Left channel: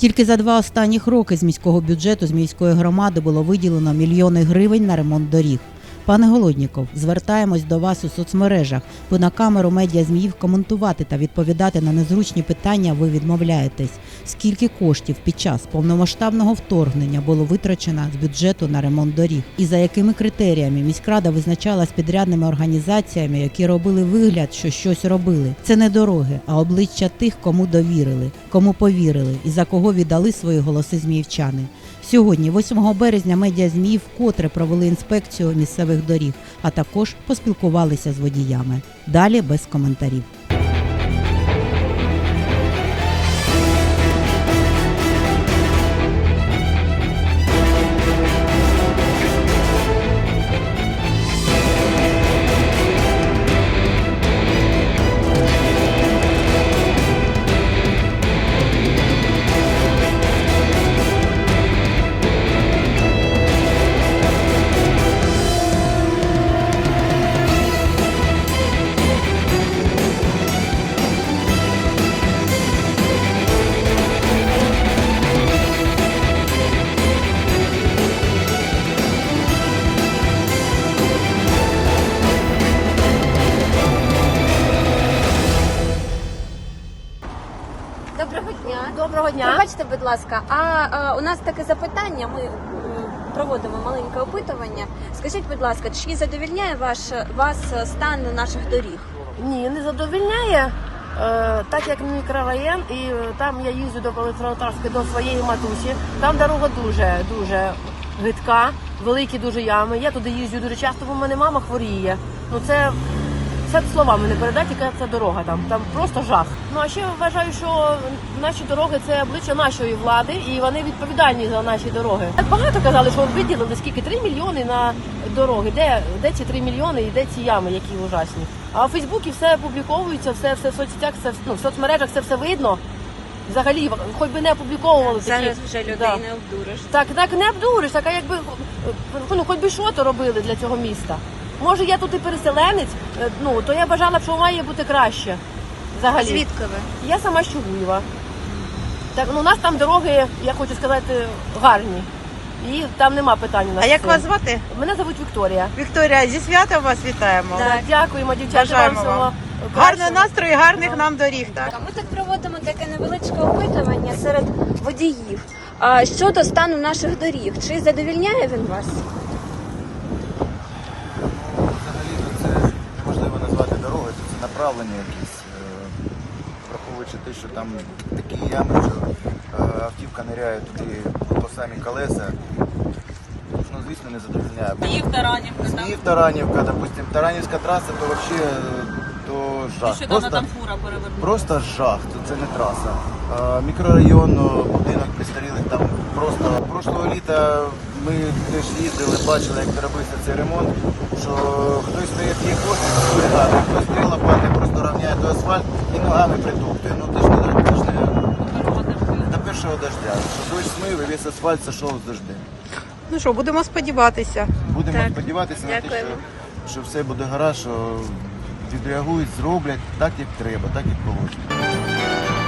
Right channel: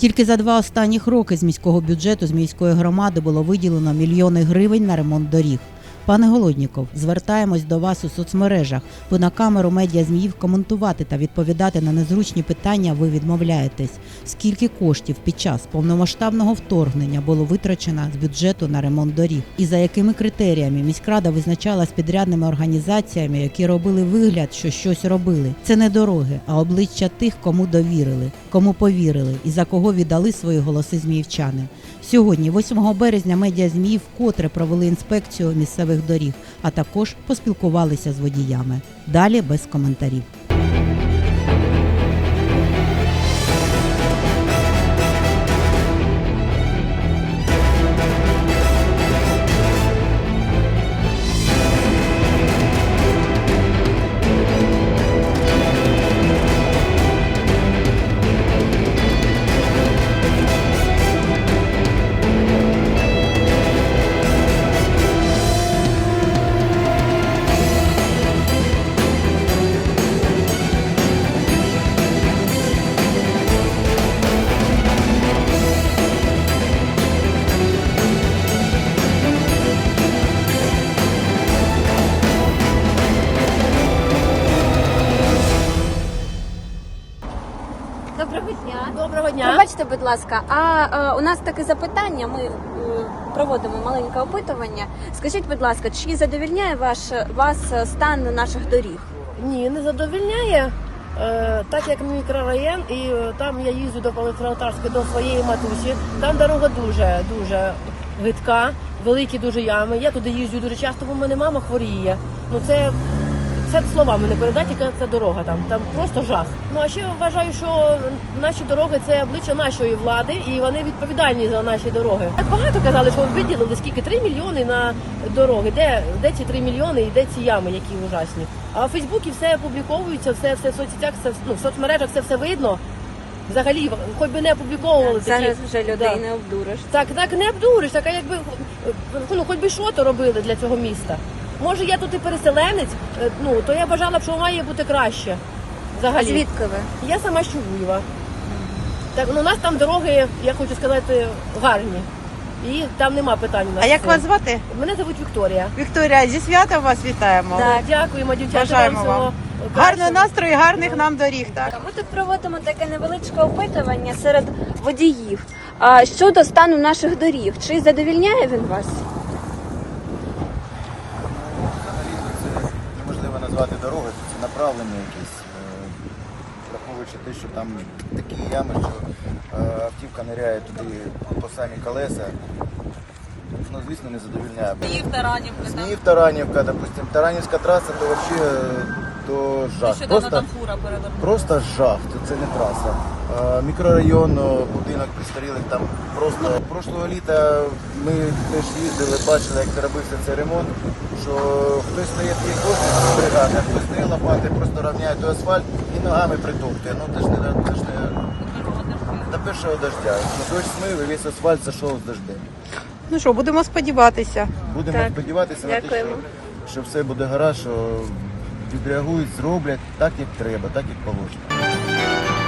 Тільки за два останніх роки з міського бюджету з міської громади було виділено мільйони гривень на ремонт доріг. Пане Голодніков, звертаємось до вас у соцмережах, бо на камеру медіа зміїв коментувати та відповідати на незручні питання ви відмовляєтесь. Скільки коштів під час повномасштабного вторгнення було витрачено з бюджету на ремонт доріг? І за якими критеріями міськрада визначала з підрядними організаціями, які робили вигляд, що щось робили? Це не дороги, а обличчя тих, кому довірили, кому повірили і за кого віддали свої голоси зміївчани. Сьогодні, 8 березня, медіа ЗМІ вкотре провели інспекцію місцевих доріг, а також поспілкувалися з водіями. Далі без коментарів. Доброго дня. Доброго дня. Пробачте, будь ласка, а е, у нас таке запитання. Ми е, проводимо маленьке опитування. Скажіть, будь ласка, чи задовільняє ваш вас стан наших доріг? Ні, не задовільняє. Е, так як мікрорайон, і е, там я їздю до Електротарської до своєї матусі. Там дорога дуже дуже гидка, великі дуже ями. Я туди їздю дуже часто, бо в мене мама хворіє. Ну це, це словами не передати, яка це дорога там. Там просто жах. Ну а ще вважаю, що наші дороги це обличчя нашої влади, і вони відповідальні за наші дороги. Так багато казали, що виділили скільки 3 мільйони на дороги. Де, де ці 3 мільйони і де ці ями, які ужасні. А в Фейсбуці все публіковується, все, все в соцсетях, все ну, в соцмережах це все видно. Взагалі, хоч би не опубліковували такі. Зараз вже людей Да. не обдуриш. Так, так не обдуриш, так а якби ну хоч би що то робили для цього міста. Може, я тут і переселенець, е, ну то я бажала б, що має бути краще. Взагалі. Звідки ви? Я сама з Чугуєва. Так, ну у нас там дороги, я хочу сказати, гарні. І там нема питань. у нас А як вас звати? Мене звуть Вікторія. Вікторія, зі святом вас вітаємо. Да, Дякуємо, дівчата. Бажаємо всього вам. кращого. Гарного настрою, гарних нам доріг. Так. Ми тут проводимо таке невеличке опитування серед водіїв. А щодо стану наших доріг, чи задовільняє він вас? Ну, взагалі то це неможливо назвати дорогою, то це направлення якісь. е, Враховуючи те, що там такі ями, що е, автівка ниряє туди по самі колеса. Ну, звісно, не задовільняє. Зміїв Таранівка. Зміїв Таранівка, допустим. Таранівська траса, то взагалі то жах. Просто, просто жах, то це не траса. Е, Мікрорайон, о, будинок престарілих там просто прошлого літа ми теж їздили, бачили, як робився цей ремонт. Що хтось стає п'є кошти з бригади, хтось стає лопати, просто рівняє той асфальт і ногами притоптує. Ну це ж не, це ж не до першого дождя. Що дощ смив і весь асфальт зайшов з дождем. Ну що, будемо сподіватися. Будемо Так. сподіватися на те, що, що все буде гаразд, що відреагують, зроблять так, як треба, так як положено.